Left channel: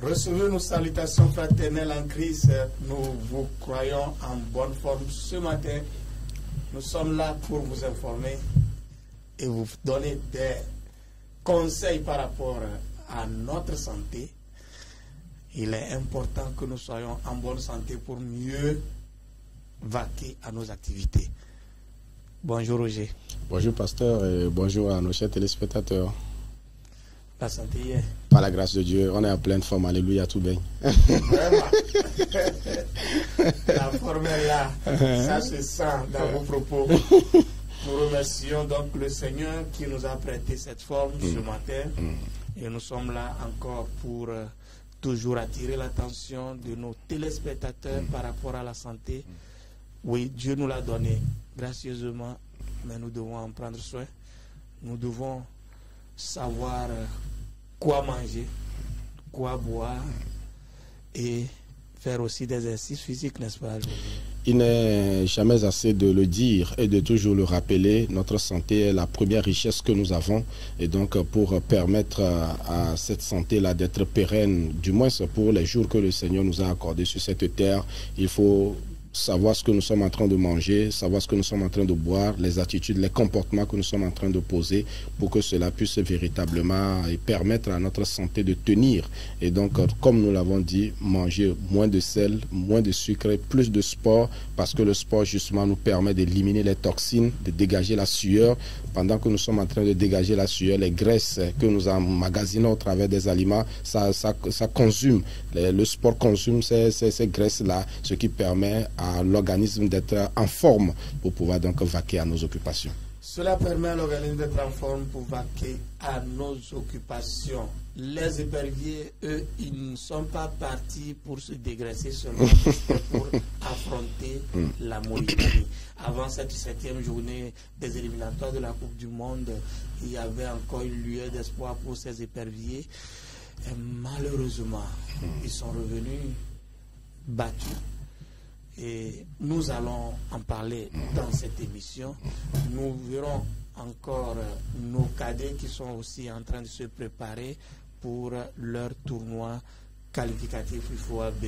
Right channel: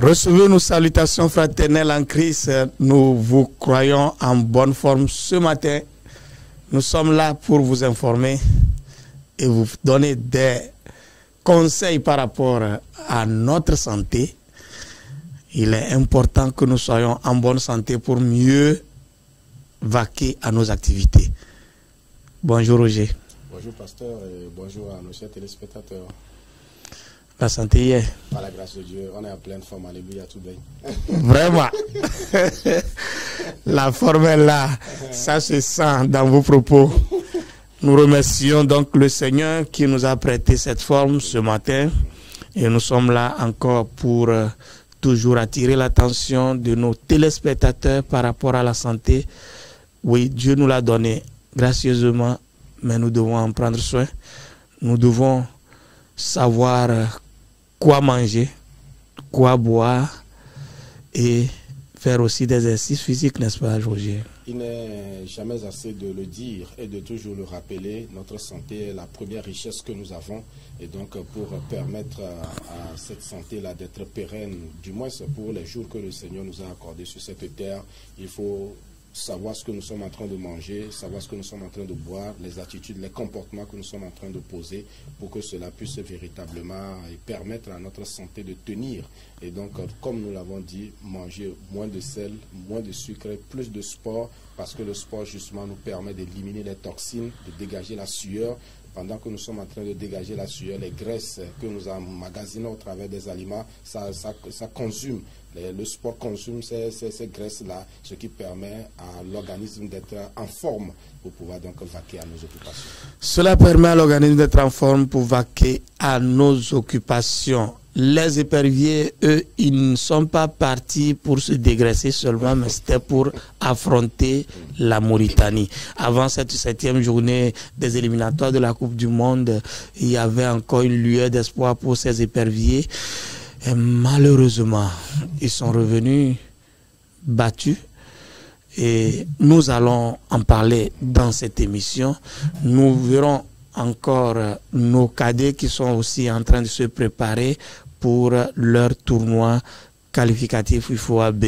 Recevez nos salutations fraternelles en Christ. Nous vous croyons en bonne forme ce matin. Nous sommes là pour vous informer et vous donner des conseils par rapport à notre santé. Il est important que nous soyons en bonne santé pour mieux vaquer à nos activités. Bonjour Roger. Bonjour pasteur et bonjour à nos chers téléspectateurs. La santé y est. Par la grâce de Dieu, on est en pleine forme. Alléluia, tout bien. Vraiment. La forme est là. Ça se sent dans vos propos. Nous remercions donc le Seigneur qui nous a prêté cette forme ce matin. Et nous sommes là encore pour toujours attirer l'attention de nos téléspectateurs par rapport à la santé. Oui, Dieu nous l'a donné gracieusement, mais nous devons en prendre soin. Nous devons savoir quoi manger, quoi boire et faire aussi des exercices physiques, n'est-ce pas, Roger? Il n'est jamais assez de le dire et de toujours le rappeler. Notre santé est la première richesse que nous avons. Et donc, pour permettre à cette santé-là d'être pérenne, du moins pour les jours que le Seigneur nous a accordés sur cette terre, il faut savoir ce que nous sommes en train de manger, savoir ce que nous sommes en train de boire, les attitudes, les comportements que nous sommes en train de poser pour que cela puisse véritablement permettre à notre santé de tenir. Et donc, comme nous l'avons dit, manger moins de sel, moins de sucre, plus de sport, parce que le sport justement nous permet d'éliminer les toxines, de dégager la sueur. Pendant que nous sommes en train de dégager la sueur, les graisses que nous emmagasinons au travers des aliments, ça consume. Le sport consume ces graisses-là, ce qui permet à l'organisme d'être en forme pour pouvoir donc vaquer à nos occupations. Cela permet à l'organisme d'être en forme pour vaquer à nos occupations. Les éperviers, eux, ils ne sont pas partis pour se dégraisser seulement, mais c'était pour affronter la Mauritanie. Avant cette 7e journée des éliminatoires de la Coupe du Monde, il y avait encore une lueur d'espoir pour ces éperviers. Et malheureusement, ils sont revenus battus. Et nous allons en parler dans cette émission. Nous verrons encore nos cadets qui sont aussi en train de se préparer pour leur tournoi qualificatif UFOA B.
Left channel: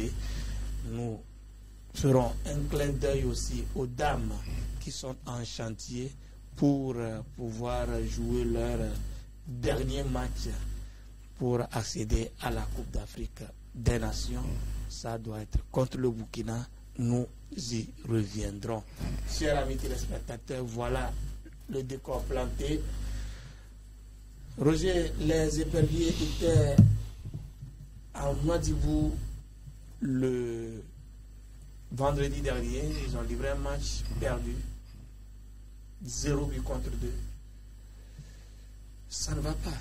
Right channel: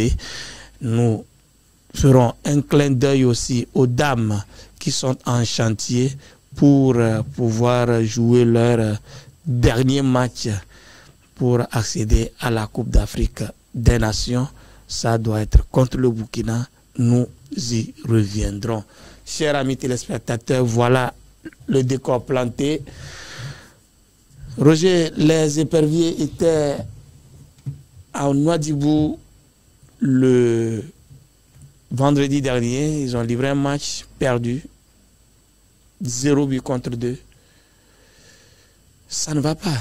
Nous ferons un clin d'œil aussi aux dames qui sont en chantier pour pouvoir jouer leur dernier match pour accéder à la Coupe d'Afrique des Nations. Ça doit être contre le Burkina. Nous y reviendrons. Chers amis téléspectateurs, voilà le décor planté. Roger, les éperviers étaient à Nouadhibou le vendredi dernier. Ils ont livré un match perdu. 0 but contre 2. Ça ne va pas.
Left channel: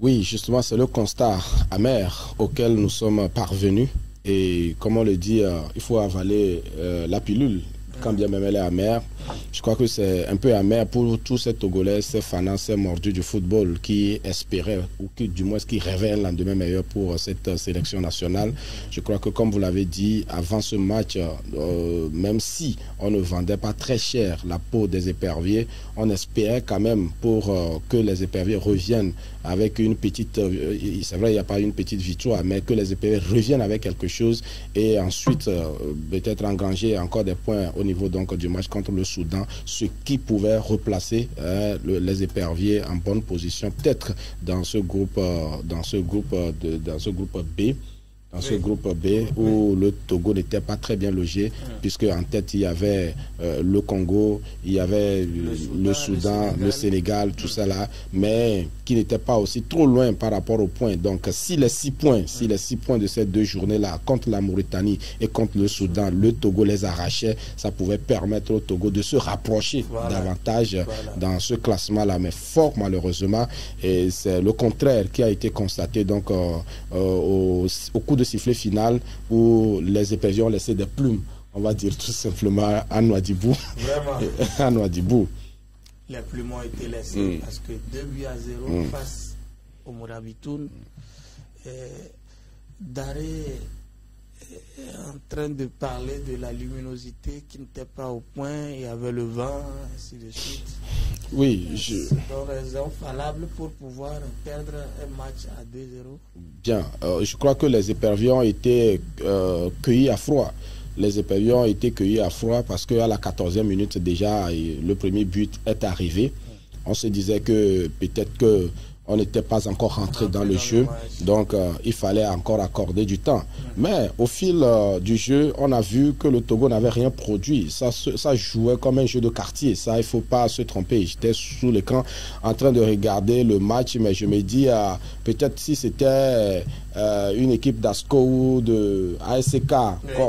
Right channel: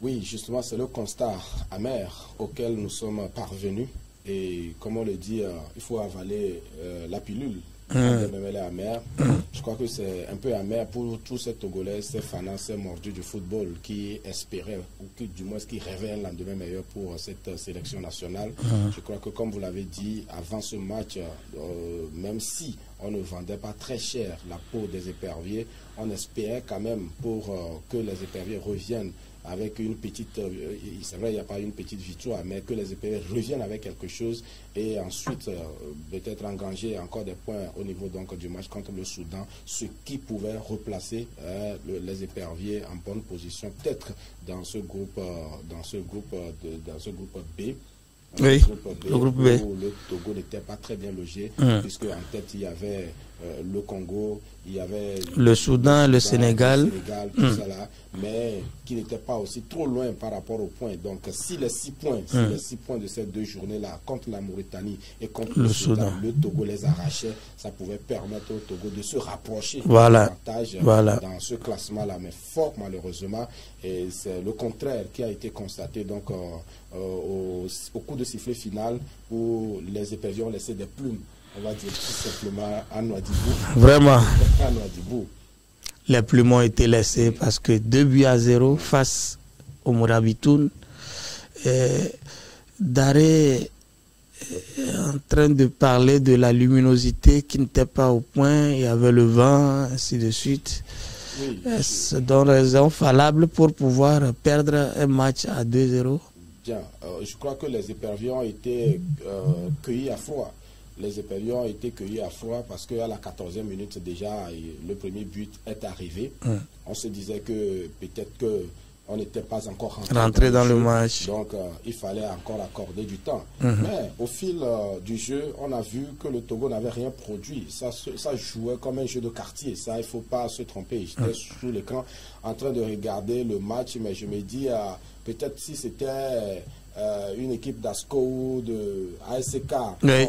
Oui, justement, c'est le constat amer auquel nous sommes parvenus. Et comme on le dit, il faut avaler la pilule. Quand bien même elle est amère, je crois que c'est un peu amer pour tous ces Togolais, ces fanats, ces mordus du football qui espéraient, ou qui du moins qui rêvaient un lendemain meilleur pour cette sélection nationale. Je crois que comme vous l'avez dit, avant ce match, même si on ne vendait pas très cher la peau des éperviers, on espérait quand même pour que les éperviers reviennent avec une petite, c'est vrai il n'y a pas une petite victoire, mais que les éperviers reviennent avec quelque chose et ensuite peut-être engranger encore des points au niveau donc du match contre le Soudan, ce qui pouvait replacer les éperviers en bonne position, peut-être dans ce groupe B. Dans ce groupe B où le Togo n'était pas très bien logé, puisque en tête il y avait le Congo, il y avait le Soudan, le Sénégal, tout ça là, mais qui n'était pas aussi trop loin par rapport aux points. Donc si les 6 points, de ces 2 journées-là contre la Mauritanie et contre le Soudan, le Togo les arrachait, ça pouvait permettre au Togo de se rapprocher davantage dans ce classement-là, mais fort malheureusement, et c'est le contraire qui a été constaté donc au coup de sifflet final où les éperviers ont laissé des plumes, on va dire tout simplement, à Nouadhibou. Vraiment. À Nouadhibou. Les plumes ont été laissées parce que 2-0 face au Morabitoun. Daré en train de parler de la luminosité qui n'était pas au point, il y avait le vent, ainsi de suite. Oui. C'est donc raison valable pour pouvoir perdre un match à 2-0. Bien, je crois que les éperviers ont été cueillis à froid. Les éperviers ont été cueillis à froid parce qu'à la 14e minute déjà, le premier but est arrivé. On se disait que peut-être que on n'était pas encore rentré dans le match. Donc, il fallait encore accorder du temps. Mais au fil du jeu, on a vu que le Togo n'avait rien produit. Ça jouait comme un jeu de quartier. Ça, il ne faut pas se tromper. J'étais sous l'écran en train de regarder le match, mais je me dis, peut-être si c'était une équipe d'ASCO ou de ASK,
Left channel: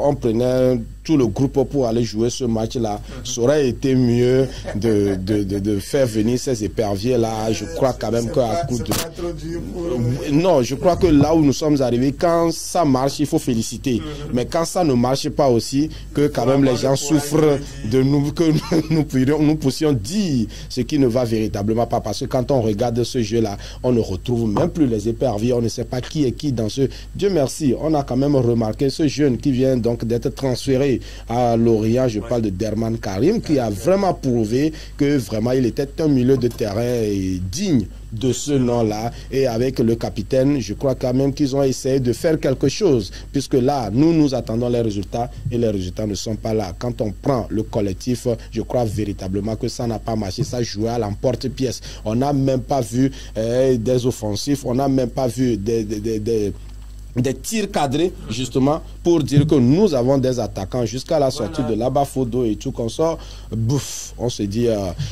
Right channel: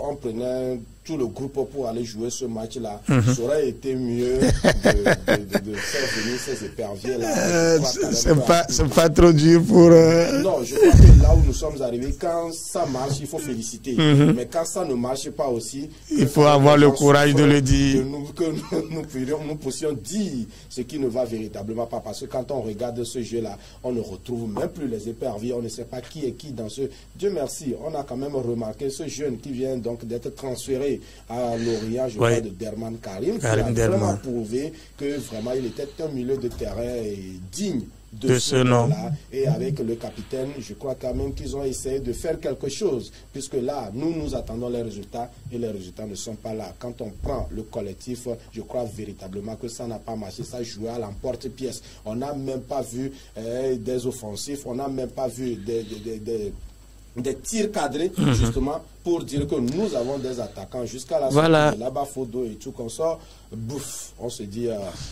on prenait tout le groupe pour aller jouer ce match-là, ça aurait été mieux de faire venir ces éperviers-là. Je crois quand même que c'est pas trop dur pour... Non, je crois que là où nous sommes arrivés, quand ça marche, il faut féliciter. Mais quand ça ne marche pas aussi, que il faut avoir le courage de le dire. Que nous puissions dire ce qui ne va véritablement pas. Parce que quand on regarde ce jeu-là, on ne retrouve même plus les éperviers. On ne sait pas qui est qui dans ce... Dieu merci, on a quand même remarqué ce jeune qui vient donc d'être transféré à Lorient, je parle de Derman Karim, qui a vraiment prouvé que vraiment il était un milieu de terrain digne de ce nom-là. Et avec le capitaine, je crois quand même qu'ils ont essayé de faire quelque chose, puisque là, nous attendons les résultats et les résultats ne sont pas là. Quand on prend le collectif, je crois véritablement que ça n'a pas marché. Ça jouait à l'emporte-pièce. On n'a même pas vu des offensifs, on n'a même pas vu des tirs cadrés, justement, pour dire que nous avons des attaquants jusqu'à la sortie de là-bas, Fodo et tout qu'on sort. Bouf, on se dit,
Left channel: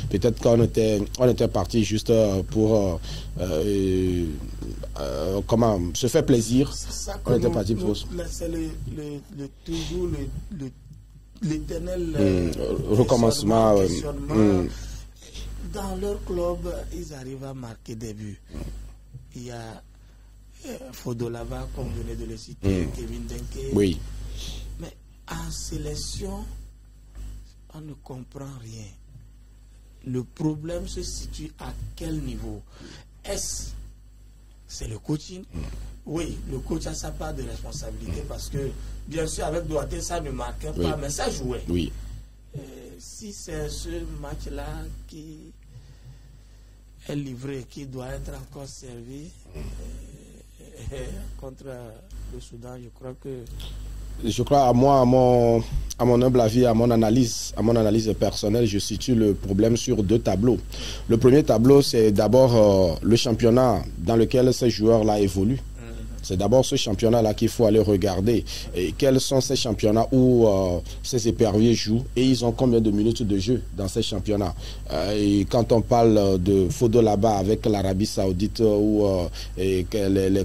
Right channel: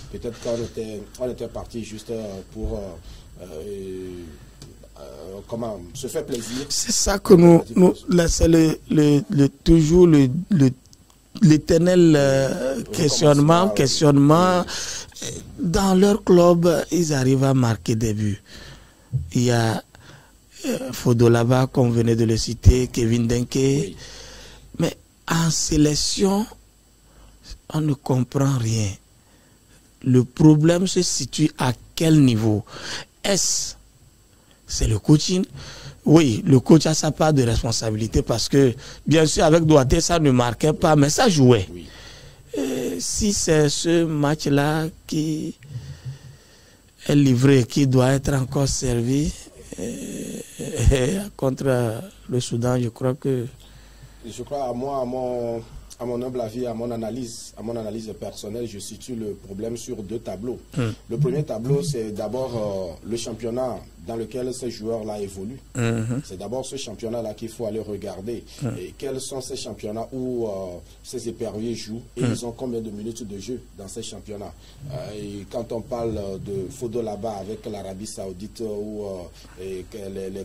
peut-être qu'on était parti juste pour comment se faire plaisir. C'est ça que c'est toujours l'éternel questionnement. Dans leur club, ils arrivent à marquer des buts. Il y a Fodo là-bas, qu'on venait de le citer, Kevin Denke. Oui. Mais en sélection, on ne comprend rien. Le problème se situe à quel niveau? C'est le coaching? Oui, le coach a sa part de responsabilité parce que, bien sûr, avec Douaté, ça ne marquait pas, mais ça jouait. Oui. Si c'est ce match-là qui est livré, qui doit être encore servi contre le Soudan, je crois que... Je crois, à mon humble avis, à mon analyse personnelle, je situe le problème sur deux tableaux. Le premier tableau, c'est d'abord le championnat dans lequel ces joueurs-là évoluent. C'est d'abord ce championnat-là qu'il faut aller regarder. Et quels sont ces championnats où ces éperviers jouent et ils ont combien de minutes de jeu dans ces championnats. Et quand on parle de Fodo là-bas avec l'Arabie Saoudite ou les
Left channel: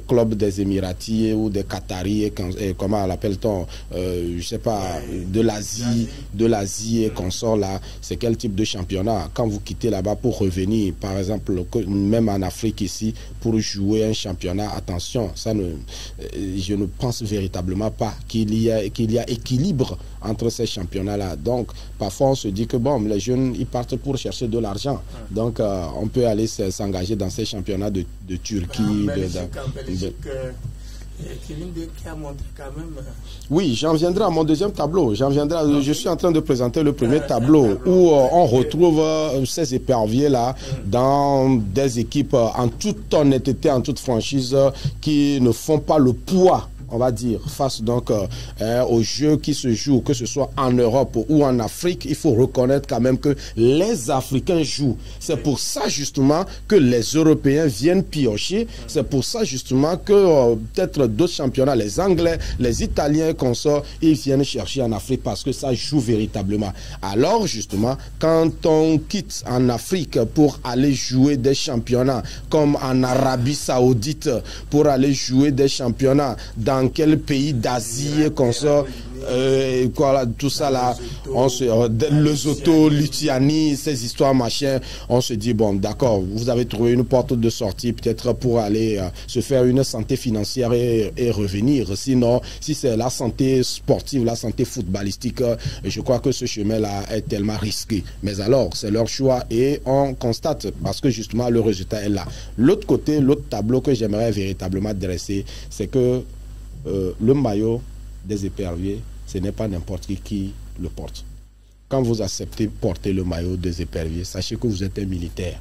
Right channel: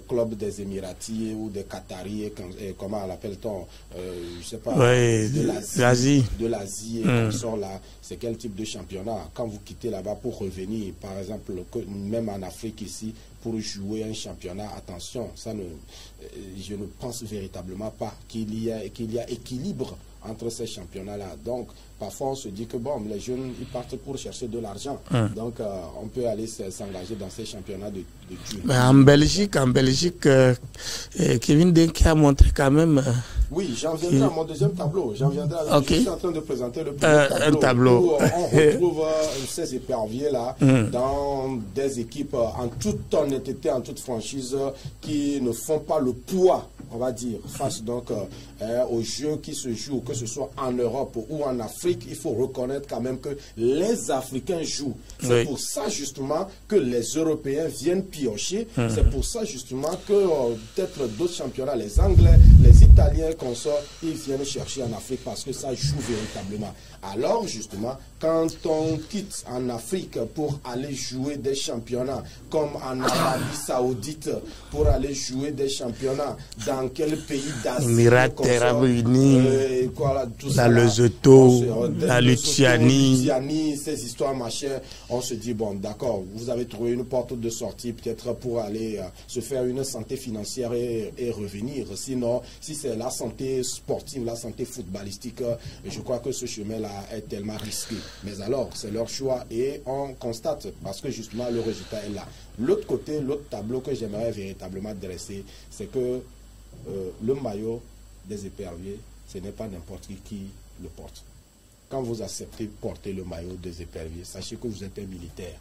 clubs des Émiratis ou des Qataris, comment l'appelle-t-on, je sais pas, de l'Asie et consorts là, c'est quel type de championnat? Quand vous quittez là-bas pour revenir, par exemple, même en Afrique ici, pour jouer un championnat, attention, je ne pense véritablement pas qu'il y a équilibre entre ces championnats-là. Donc, parfois, on se dit que bon, les jeunes, ils partent pour chercher de l'argent. Donc, on peut aller s'engager dans ces championnats de Turquie. En Belgique, Kevin Denke a montré quand même... Oui, j'en viendrai à mon deuxième tableau. Je suis en train de présenter le premier tableau où on retrouve ces éperviers-là dans des équipes en toute honnêteté, en toute franchise, qui ne font pas le poids, on va dire, face donc aux jeux qui se jouent, que ce soit en Europe ou en Afrique. Il faut reconnaître quand même que les Africains jouent. C'est pour ça justement que les Européens viennent piocher. C'est pour ça justement que peut-être d'autres championnats, les Anglais, les Italiens, consorts, ils viennent chercher en Afrique parce que ça joue véritablement. Alors justement, quand on quitte en Afrique pour aller jouer des championnats comme en Arabie Saoudite, pour aller jouer des championnats dans quel pays d'Asie, tout ça là, Lesotho, Lituanie, ces histoires machin, on se dit bon d'accord, vous avez trouvé une porte de sortie peut-être pour aller se faire une santé financière et revenir. Sinon, si c'est la santé sportive, la santé footballistique, je crois que ce chemin là est tellement risqué. Mais alors c'est leur choix et on constate parce que justement le résultat est là. L'autre côté, l'autre tableau que j'aimerais véritablement dresser, c'est que le maillot des éperviers, ce n'est pas n'importe qui le porte. Quand vous acceptez porter le maillot des éperviers, sachez que vous êtes un militaire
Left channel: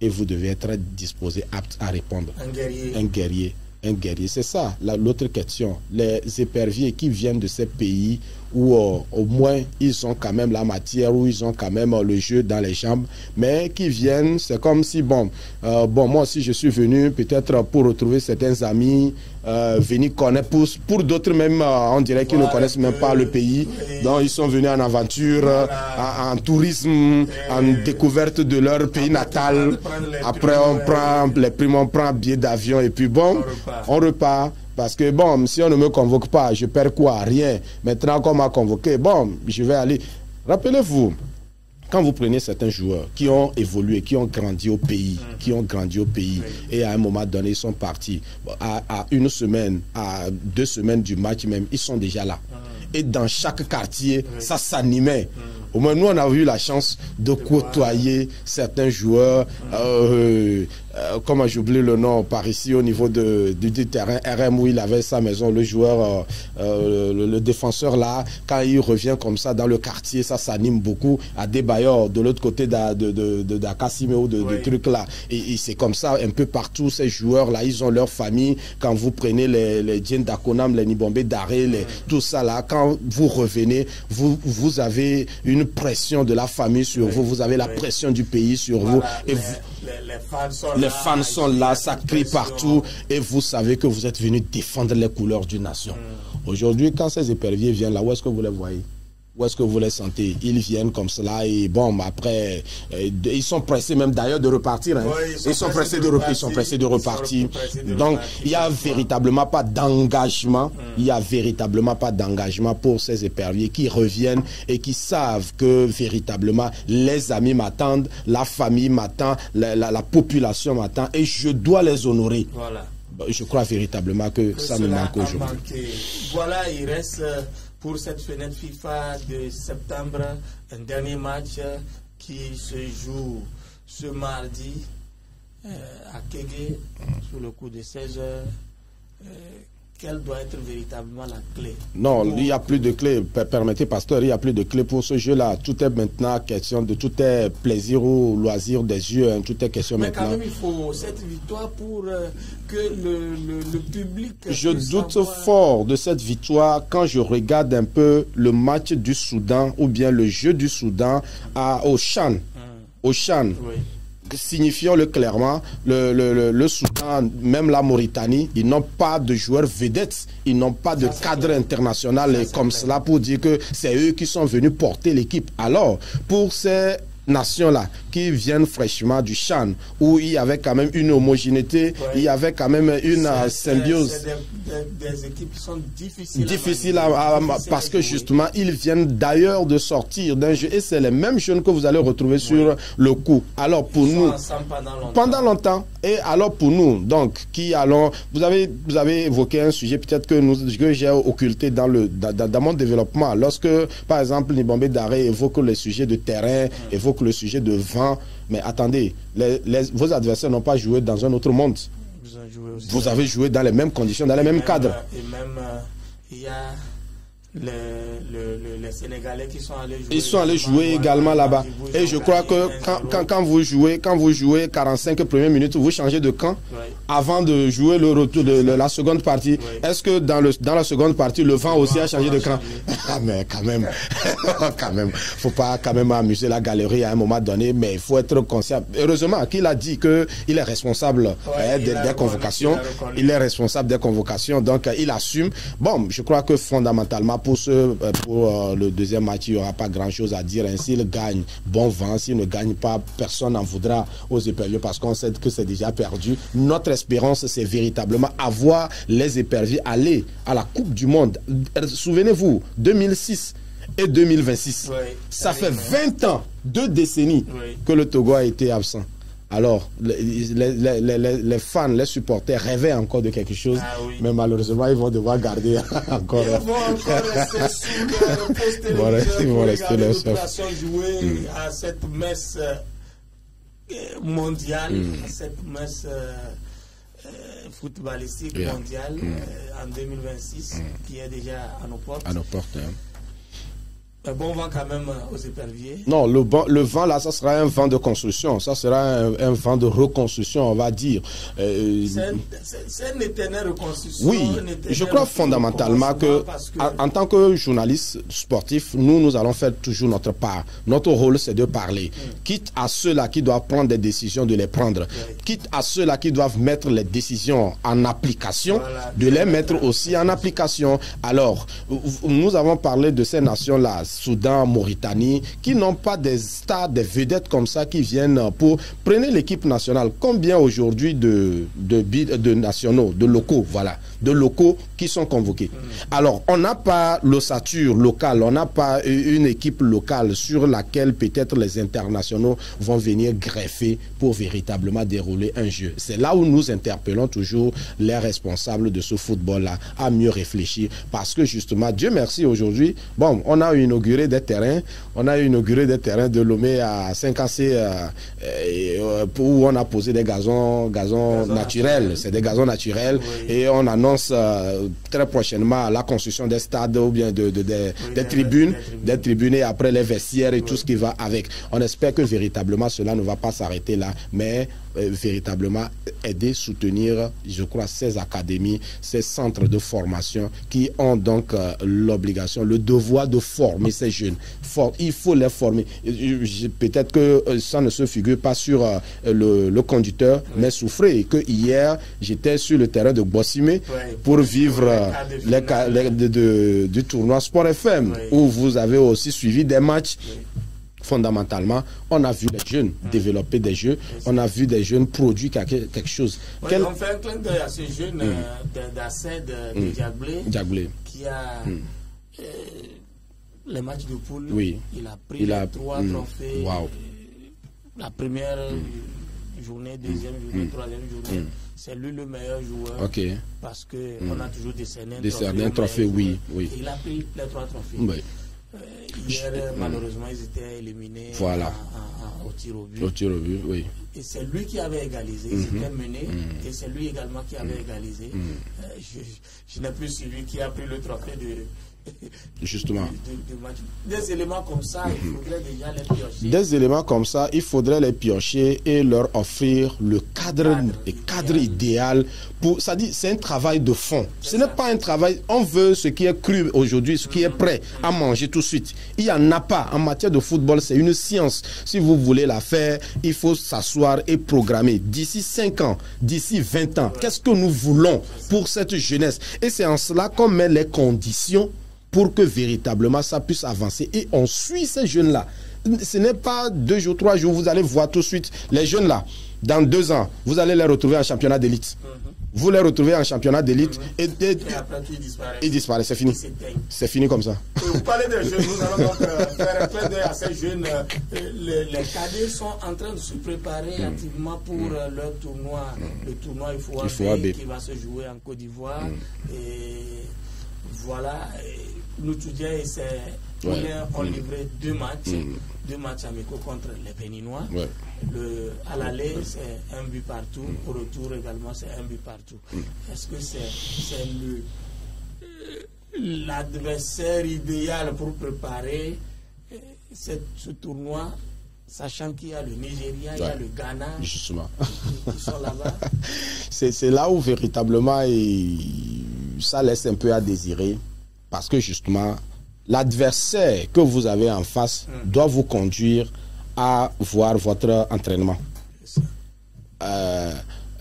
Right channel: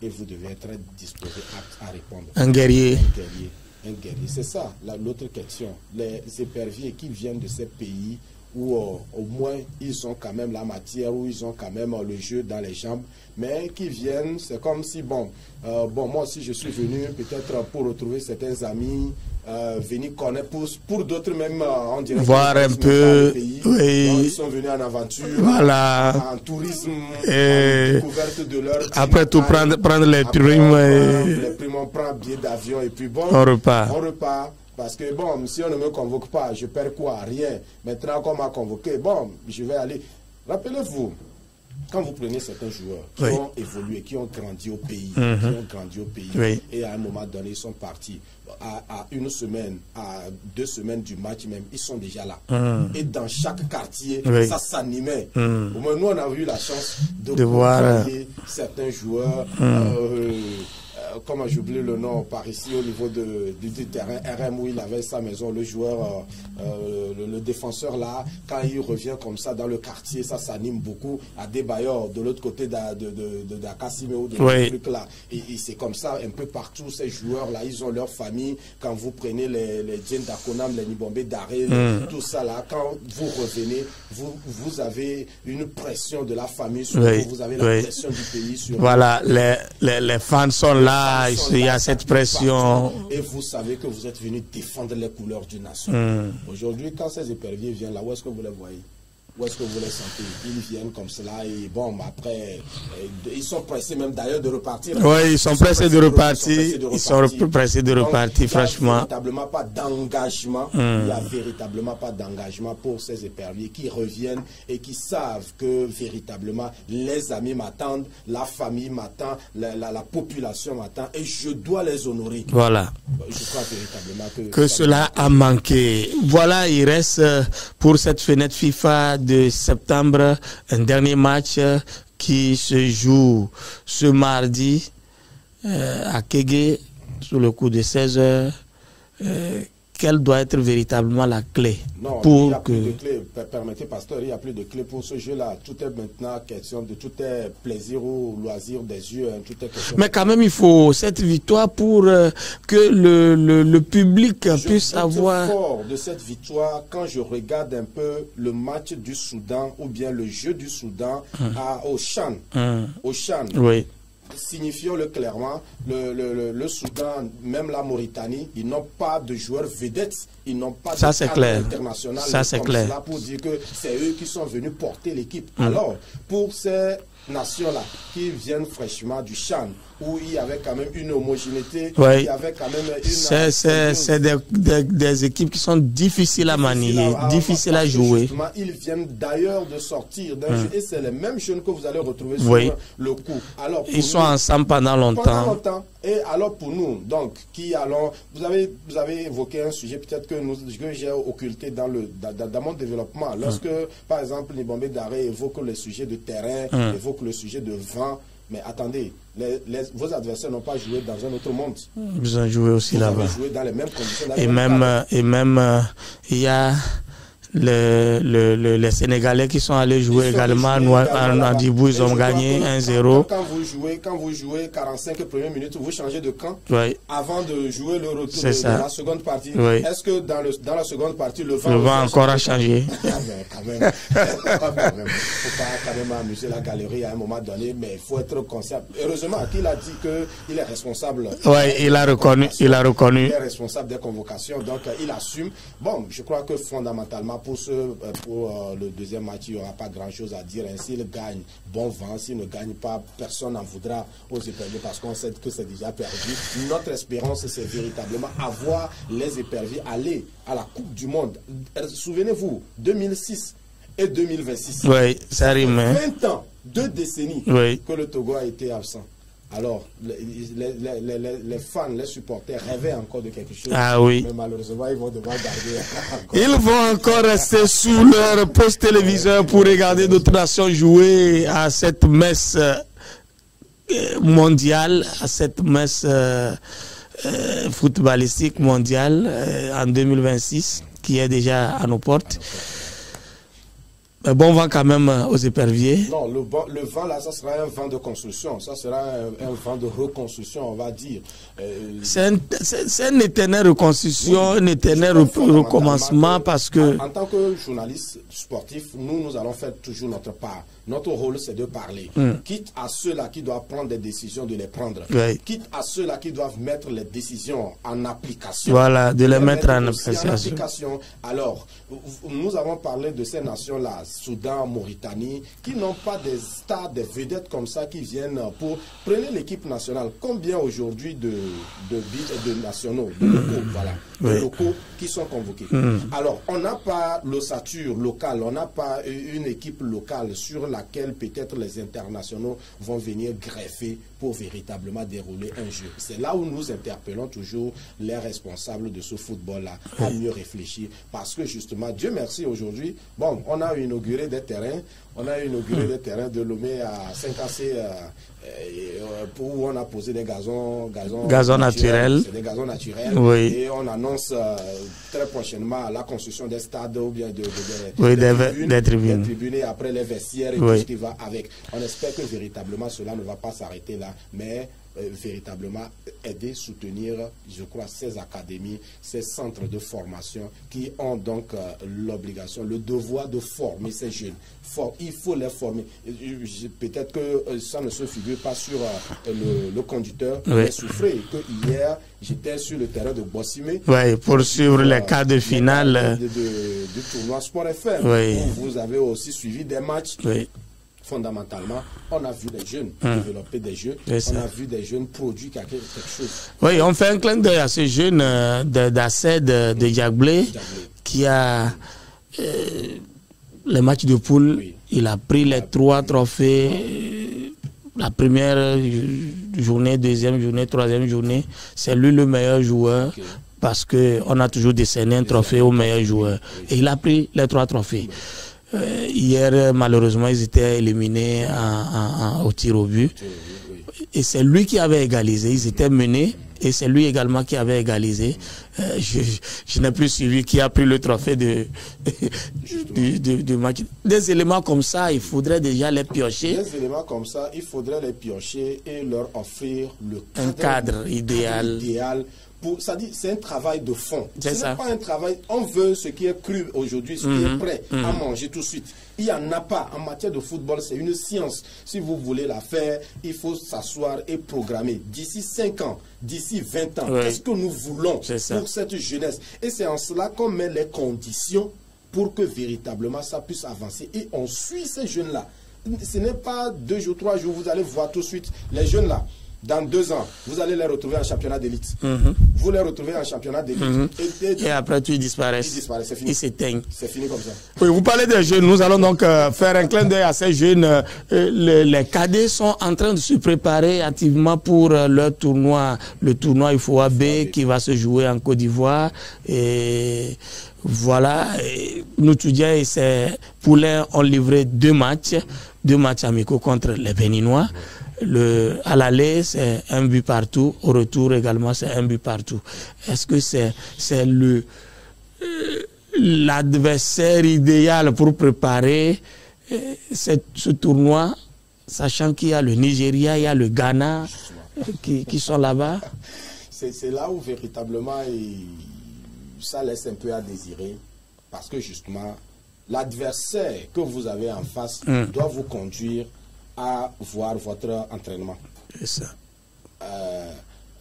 et vous devez être disposé, apte à répondre. Un guerrier. Un guerrier. un guerrier. C'est ça l'autre question. Les éperviers qui viennent de ces pays où au moins ils ont quand même la matière, où ils ont quand même le jeu dans les jambes, mais qui viennent, c'est comme si, bon, moi aussi je suis venu peut-être pour retrouver certains amis, venir connaître, pour d'autres même, on dirait qu'ils ne connaissent même pas le pays, oui. Donc ils sont venus en aventure, voilà. en tourisme, en découverte de leur pays. Après tout, prendre les primes, on prend un billet d'avion et puis bon, on repart. Parce que bon, si on ne me convoque pas, je perds quoi? Rien. Maintenant qu'on m'a convoqué, bon, je vais aller. Rappelez-vous, quand vous prenez certains joueurs qui ont évolué, qui ont grandi au pays, et à un moment donné, ils sont partis. À une semaine, à 2 semaines du match même, ils sont déjà là. Et dans chaque quartier, ça s'animait. Au moins, nous, on a eu la chance de côtoyer certains joueurs. Comment j'oublie le nom par ici au niveau du terrain RM où il avait sa maison, le joueur, le défenseur là, quand il revient comme ça dans le quartier, ça s'anime beaucoup. À Debayor, de l'autre côté d'Akassime ou de trucs là. Et c'est comme ça un peu partout, ces joueurs là, ils ont leur famille. Quand vous prenez les Djen Dakonam, les Nibombe Daré, tout ça là, quand vous revenez, vous avez une pression de la famille sur vous, vous avez la pression du pays sur vous. Voilà, les fans sont là, il y a cette pression. Partout, et vous savez que vous êtes venu défendre les couleurs d'une nation. Aujourd'hui, quand ces éperviers viennent là, où est-ce que vous les voyez? Où est-ce que vous les sentez? Ils viennent comme cela et bon, après, ils sont pressés même d'ailleurs de repartir. Oui, ils sont pressés de repartir. Ils sont pressés de repartir, franchement. Il n'y a véritablement pas d'engagement. Il n'y a véritablement pas d'engagement pour ces éperviers qui reviennent et qui savent que véritablement les amis m'attendent, la famille m'attend, la population m'attend et je dois les honorer. Voilà. Je crois véritablement que cela a manqué. Voilà, il reste pour cette fenêtre FIFA de septembre un dernier match qui se joue ce mardi à Kégué sur le coup de 16h. Quelle doit être véritablement la clé? Non, il n'y a plus de clé. Permettez, pasteur, il n'y a plus de clé pour ce jeu-là. Tout est maintenant question de tout est plaisir ou loisir des yeux. Hein, tout est question. Mais quand même, il faut cette victoire pour que le public puisse avoir. Je doute fort de cette victoire quand je regarde un peu le match du Soudan ou bien le jeu du Soudan au Chan. Au Chan. Oui. Signifions-le clairement, le Soudan, même la Mauritanie, ils n'ont pas de joueurs vedettes, ils n'ont pas de cadre international comme cela pour dire que c'est eux qui sont venus porter l'équipe. Alors, pour ces nations-là qui viennent fraîchement du Chan, où il y avait quand même une homogénéité, il y avait quand même une c'est des équipes qui sont difficiles à manier, difficiles à jouer. Justement, ils viennent d'ailleurs de sortir d'un jeu, et c'est les mêmes jeunes que vous allez retrouver sur le coup. Alors pour ils sont ensemble pendant longtemps. Pendant longtemps. Et alors pour nous, donc, qui allons... Vous avez évoqué un sujet peut-être que j'ai occulté dans mon développement. Lorsque, par exemple, Nibombe Daré évoque le sujet de terrain, évoque le sujet de vent, mais attendez, vos adversaires n'ont pas joué dans un autre monde. Ils ont joué aussi. Vous avez joué dans les mêmes conditions, dans les mêmes cadres. Et même, il y a les Sénégalais qui sont allés jouer également à Mandibou, ils ont gagné 1-0. Quand vous jouez 45 premières minutes, vous changez de camp avant de jouer le retour de la seconde partie. Est-ce que dans la seconde partie, le vent aussi a changé? Mais quand même, faut pas quand même amuser la galerie à un moment donné, mais il faut être conscient. Heureusement qu'il a dit qu'il est responsable. Il a reconnu. Il est responsable des convocations, donc il assume. Bon, je crois que fondamentalement, pour le deuxième match, il n'y aura pas grand-chose à dire. S'il gagne, bon vent. S'il ne gagne pas, personne n'en voudra aux éperviers parce qu'on sait que c'est déjà perdu. Notre espérance, c'est véritablement avoir les éperviers aller à la Coupe du Monde. Souvenez-vous, 2006 et 2026. Ça fait 20 ans, 2 décennies que le Togo a été absent. Alors, les fans, les supporters rêvaient encore de quelque chose. Mais malheureusement, ils vont devoir garder encore. Ils vont encore rester sous leur poste téléviseur pour regarder d'autres nations jouer à cette messe mondiale, à cette messe footballistique mondiale en 2026, qui est déjà à nos portes. Mais bon vent quand même aux éperviers. Non, le vent là, ça sera un vent de construction, ça sera un vent de reconstruction, on va dire. C'est une éternelle reconstruction, oui, un éternel recommencement parce que... En tant que journaliste sportif, nous allons faire toujours notre part. Notre rôle, c'est de parler. Quitte à ceux-là qui doivent prendre des décisions, de les prendre. Oui. Quitte à ceux-là qui doivent mettre les décisions en application, voilà, de les mettre aussi en application. Alors, nous avons parlé de ces nations-là, Soudan, Mauritanie, qui n'ont pas des stars, des vedettes comme ça qui viennent pour... Prenez l'équipe nationale. Combien aujourd'hui de nationaux, de locaux, voilà, de locaux qui sont convoqués. Alors, on n'a pas l'ossature locale, on n'a pas une équipe locale sur laquelle peut-être les internationaux vont venir greffer pour véritablement dérouler un jeu. C'est là où nous interpellons toujours les responsables de ce football-là à mieux réfléchir parce que justement, Dieu merci aujourd'hui, bon, on a inauguré des terrains, de Lomé à 5AC où on a posé des gazons naturels. C'est des gazons naturels, oui. Et on annonce très prochainement la construction des stades ou bien des tribunes et après les vestiaires et tout ce qui va avec. On espère que véritablement cela ne va pas s'arrêter là, mais véritablement aider, soutenir, je crois, ces académies, ces centres de formation qui ont donc l'obligation, le devoir de former ces jeunes. Il faut les former. Peut-être que ça ne se figure pas sur le conducteur, mais souffrez que hier, j'étais sur le terrain de Bossimé pour suivre les quarts de finale du tournoi Sport FM, où vous avez aussi suivi des matchs. Fondamentalement, on a vu les jeunes développer des jeux, on a vu des jeunes produire quelque chose. Oui, on fait un clin d'œil à ce jeune d'Assed de Diaglé qui a les matchs de poule, il a pris les 3 trophées, la première journée, deuxième journée, troisième journée, c'est lui le meilleur joueur parce qu'on a toujours décerné un trophée au meilleur joueur. Et il a pris les 3 trophées. Hier, malheureusement, ils étaient éliminés au tir au but. Et c'est lui qui avait égalisé. Ils étaient menés et c'est lui également qui avait égalisé. Je n'ai plus suivi qui a pris le trophée de match. Des éléments comme ça, il faudrait déjà les piocher. Des éléments comme ça, il faudrait les piocher et leur offrir le cadre idéal. C'est un travail de fond. Ce n'est pas un travail. On veut ce qui est cru aujourd'hui, ce qui est prêt à manger tout de suite. Il n'y en a pas. En matière de football, c'est une science. Si vous voulez la faire, il faut s'asseoir et programmer. D'ici 5 ans, d'ici 20 ans, qu'est-ce que nous voulons pour cette jeunesse? Et c'est en cela qu'on met les conditions pour que véritablement ça puisse avancer. Et on suit ces jeunes-là. Ce n'est pas 2 jours, 3 jours, vous allez voir tout de suite les jeunes-là. Dans 2 ans, vous allez les retrouver en championnat d'élite. Vous les retrouvez en championnat d'élite. Et après, tout, ils disparaissent. Ils disparaissent, c'est fini. Ils s'éteignent. C'est fini comme ça. Oui, vous parlez des jeunes. Nous allons donc faire un clin d'œil à ces jeunes. Les cadets sont en train de se préparer activement pour leur tournoi. Le tournoi UFOA B qui va se jouer en Côte d'Ivoire. Et voilà. Nous, étudiants et ces poulets ont livré 2 matchs. 2 matchs amicaux contre les Béninois. À l'aller, c'est 1 but partout. Au retour également, c'est 1 but partout. Est-ce que c'est l'adversaire idéal pour préparer ce tournoi, sachant qu'il y a le Nigeria, il y a le Ghana qui sont là-bas? C'est là où véritablement ça laisse un peu à désirer, parce que justement, l'adversaire que vous avez en face doit vous conduire à voir votre entraînement. C'est ça.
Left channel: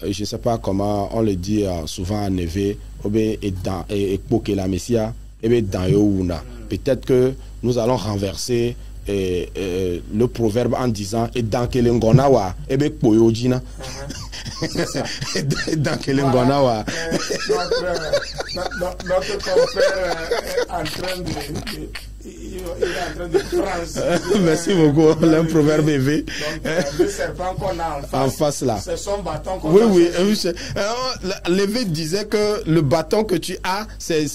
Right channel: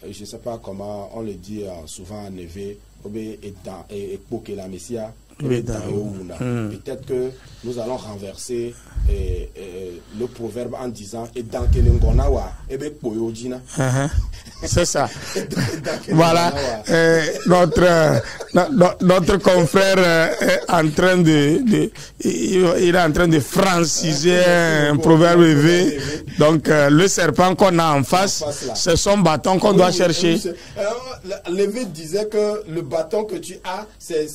Je ne sais pas comment on le dit souvent en Neve, peut-être que nous allons renverser le proverbe en disant c'est ça. Voilà. Notre confrère est en train de franciser un proverbe élevé. Donc le serpent qu'on a en face c'est son bâton qu'on doit chercher. Lévé disait que le bâton que tu as, c'est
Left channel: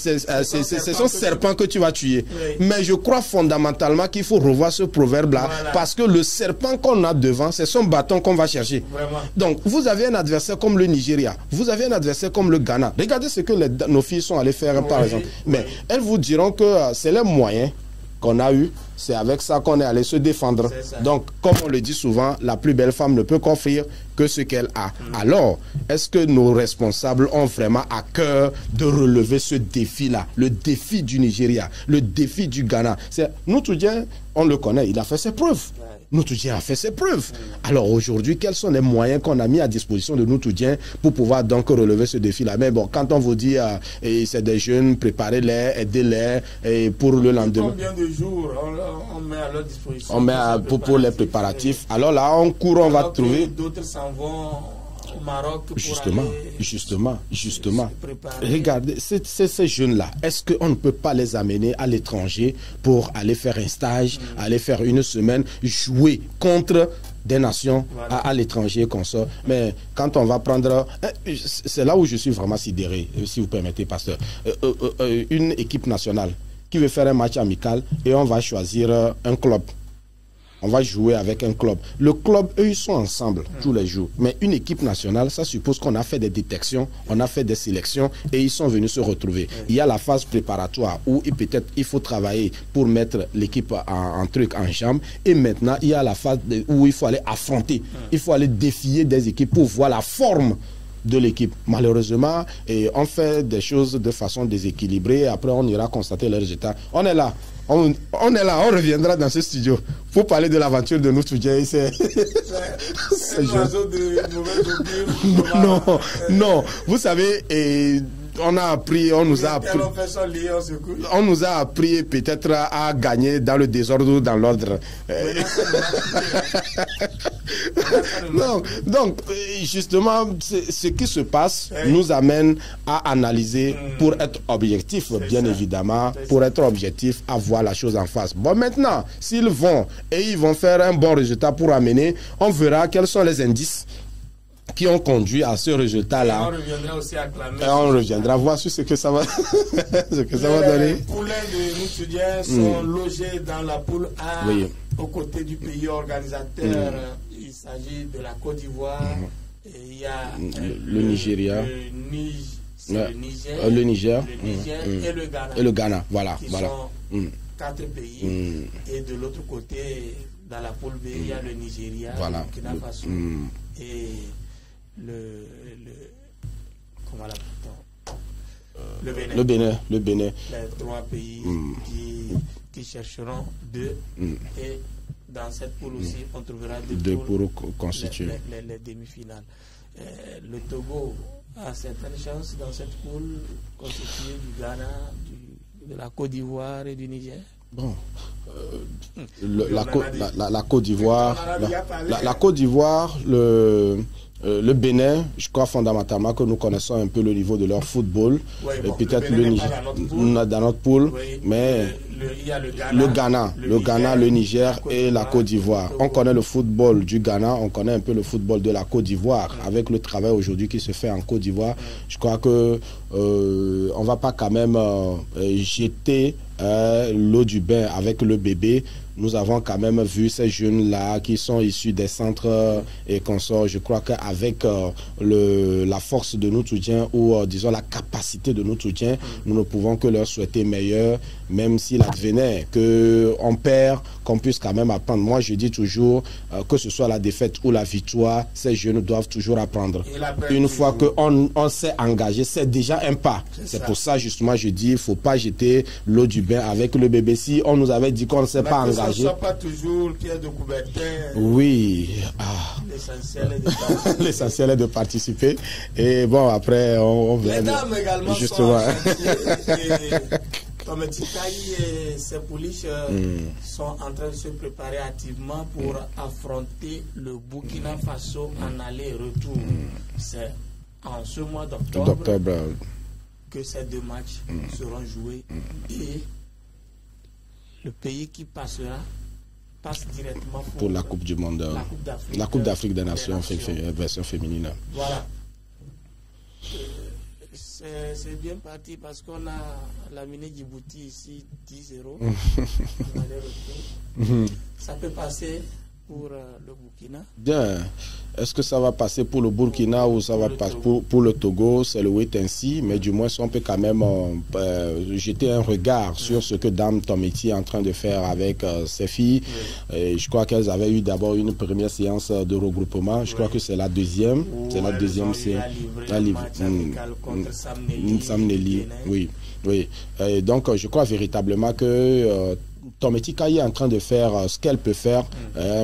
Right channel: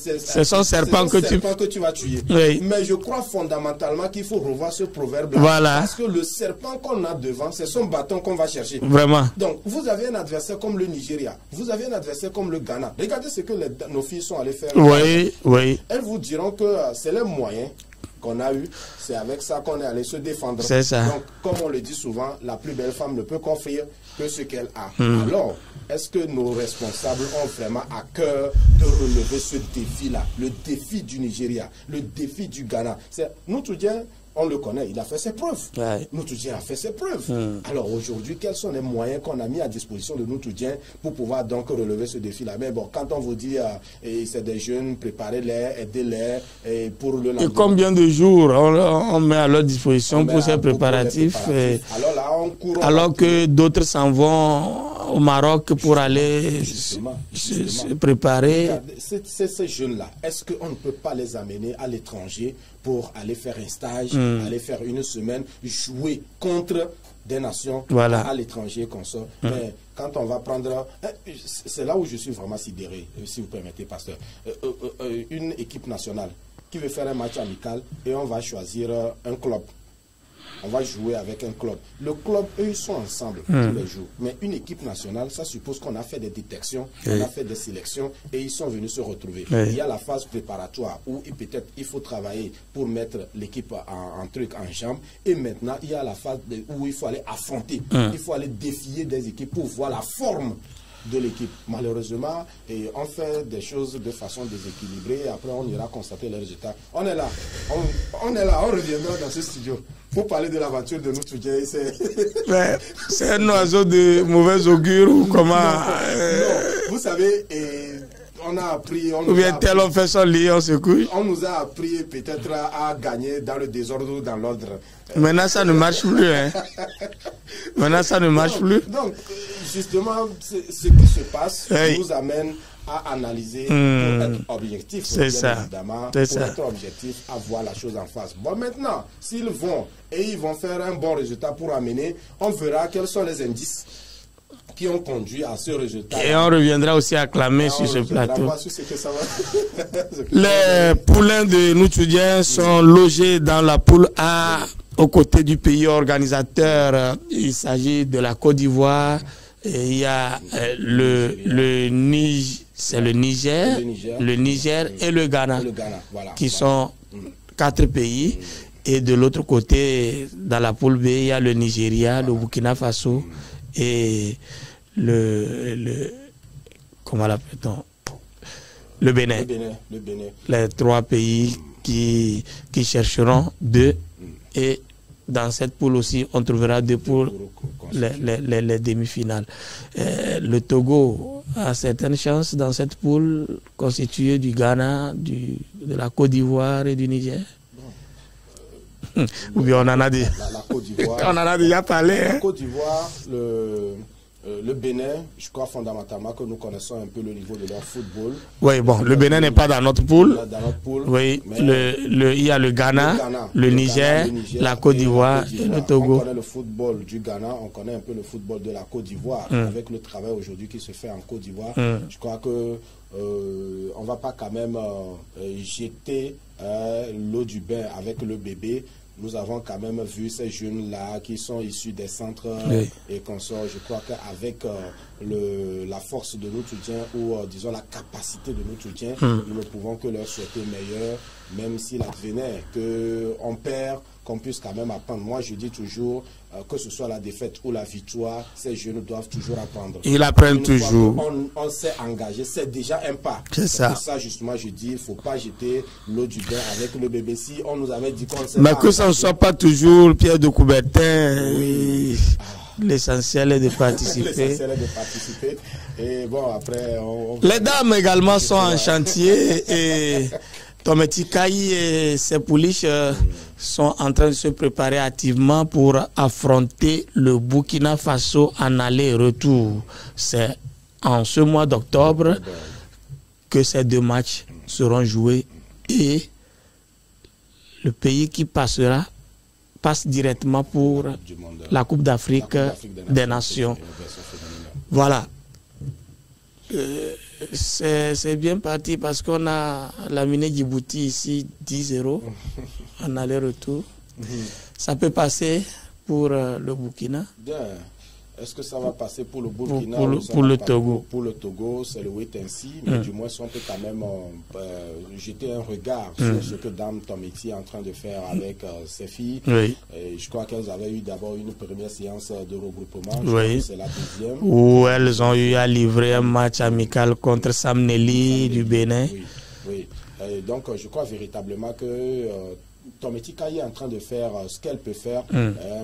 son serpent que tu vas tuer. Mais je crois fondamentalement qu'il faut revoir ce proverbe-là. Parce que le serpent qu'on a devant, c'est son bâton qu'on va chercher. Vraiment. Donc, vous avez un adversaire comme le Nigeria. Vous avez un adversaire comme le Ghana. Regardez ce que nos filles sont allées faire. Oui. Elles vous diront que c'est les moyens qu'on a eu, c'est avec ça qu'on est allé se défendre. C'est ça. Donc, comme on le dit souvent, la plus belle femme ne peut qu'offrir que ce qu'elle a. Alors, est-ce que nos responsables ont vraiment à cœur de relever ce défi-là, le défi du Nigeria, le défi du Ghana? Noutoudien, on le connaît, il a fait ses preuves. Ouais. Noutoudien a fait ses preuves. Alors aujourd'hui, quels sont les moyens qu'on a mis à disposition de Noutoudien pour pouvoir donc relever ce défi-là? Mais bon, quand on vous dit, c'est des jeunes, préparez-les, aidez-les pour le lendemain. Et combien de jours on met à leur disposition pour ces préparatifs? Alors là, on court. Alors que d'autres s'en vont au Maroc pour aller justement se préparer. Regardez, ces jeunes-là, est-ce qu'on ne peut pas les amener à l'étranger pour aller faire un stage, aller faire une semaine, jouer contre des nations à l'étranger qu'on sort? Mais quand on va prendre... C'est là où je suis vraiment sidéré, si vous permettez, pasteur. Une équipe nationale qui veut faire un match amical et on va choisir un club. On va jouer avec un club. Le club, eux, ils sont ensemble tous les jours. Mais une équipe nationale, ça suppose qu'on a fait des détections, on a fait des sélections et ils sont venus se retrouver. Il y a la phase préparatoire où peut-être il faut travailler pour mettre l'équipe en jambe. Et maintenant, il y a la phase où il faut aller affronter. Il faut aller défier des équipes pour voir la forme de l'équipe. Malheureusement, on fait des choses de façon déséquilibrée et après on ira constater les résultats. On est là, on reviendra dans ce studio pour parler de l'aventure de Noutoudien. C'est un oiseau de mauvais augure ou comment? Non, vous savez, on a appris, on nous a appris peut-être à gagner dans le désordre ou dans l'ordre. Maintenant, ça ne marche plus. Maintenant, ça ne marche plus. Donc, justement, ce qui se passe nous amène à analyser pour être objectif, bien évidemment, pour être objectif, à voir la chose en face. Bon, maintenant, s'ils vont et ils vont faire un bon résultat pour amener, on verra quels sont les indices qui ont conduit à ce résultat. Et on reviendra aussi à clamer sur ce plateau. Voir sur ce que ça va. Les poulains de Noutoudien sont logés dans la poule A aux côtés du pays organisateur. Il s'agit de la Côte d'Ivoire. Il y a le Niger, le Niger et le Ghana, voilà, qui sont 4 pays. Et de l'autre côté, dans la poule B, il y a le Nigeria, le Burkina Faso et comment l'appelle-t-on? Le Bénin. Le Bénin. Les 3 pays qui chercheront 2. Et dans cette poule aussi, on trouvera 2 pour les demi-finales. Le Togo a certaines chances dans cette poule constituée du Ghana, de la Côte d'Ivoire et du Niger. Bon. Oui, on en a dit. La Côte d'Ivoire. On en a déjà parlé. La Côte d'Ivoire, le Bénin, je crois fondamentalement que nous connaissons un peu le niveau de leur football. Oui, bon, le Bénin n'est pas dans notre poule. Oui, mais il y a le Ghana, le Niger, la Côte d'Ivoire. On connaît le football du Ghana, on connaît un peu le football de la Côte d'Ivoire. Avec le travail aujourd'hui qui se fait en Côte d'Ivoire, je crois que on va pas quand même jeter l'eau du bain avec le bébé. Nous avons quand même vu ces jeunes-là qui sont issus des centres et consorts. Je crois qu'avec la force de Noutoudien ou disons la capacité de Noutoudien, nous ne pouvons que leur souhaiter meilleur, même s'il advenait qu'on perd, qu'on puisse quand même apprendre. Moi, je dis toujours, que ce soit la défaite ou la victoire, ces jeunes doivent toujours apprendre. Ils apprennent Une fois toujours. qu'on s'est engagé, c'est déjà un pas. C'est pour ça, justement, je dis, il ne faut pas jeter l'eau du bain avec le bébé. Si on nous avait dit qu'on ne s'est pas engagé... Mais que ça ne soit pas toujours Pierre de Coubertin. Oui. L'essentiel est de participer. L'essentiel est de participer. Et bon, après, les dames également sont en chantier. Et Tometikaï et ses pouliches sont en train de se préparer activement pour affronter le Burkina Faso en aller-retour. C'est en ce mois d'octobre que ces 2 matchs seront joués et le pays qui passe directement pour la Coupe d'Afrique des Nations. Voilà. C'est bien parti parce qu'on a laminé Djibouti ici 10-0 en aller-retour. Ça peut passer pour le Burkina. Bien. Est-ce que ça va passer pour le Burkina ou ça pour va le passer Togo. pour le Togo? C'est le wait and see, mais du moins, on peut quand même jeter un regard sur ce que Dame Tometi est en train de faire avec ses filles. Et je crois qu'elles avaient eu d'abord une première séance de regroupement. Je crois que c'est la deuxième. Où elles ont eu à livrer un match amical contre Sam Nelly du Bénin. Oui. Et donc, je crois véritablement que Tometi Kaye est en train de faire ce qu'elle peut faire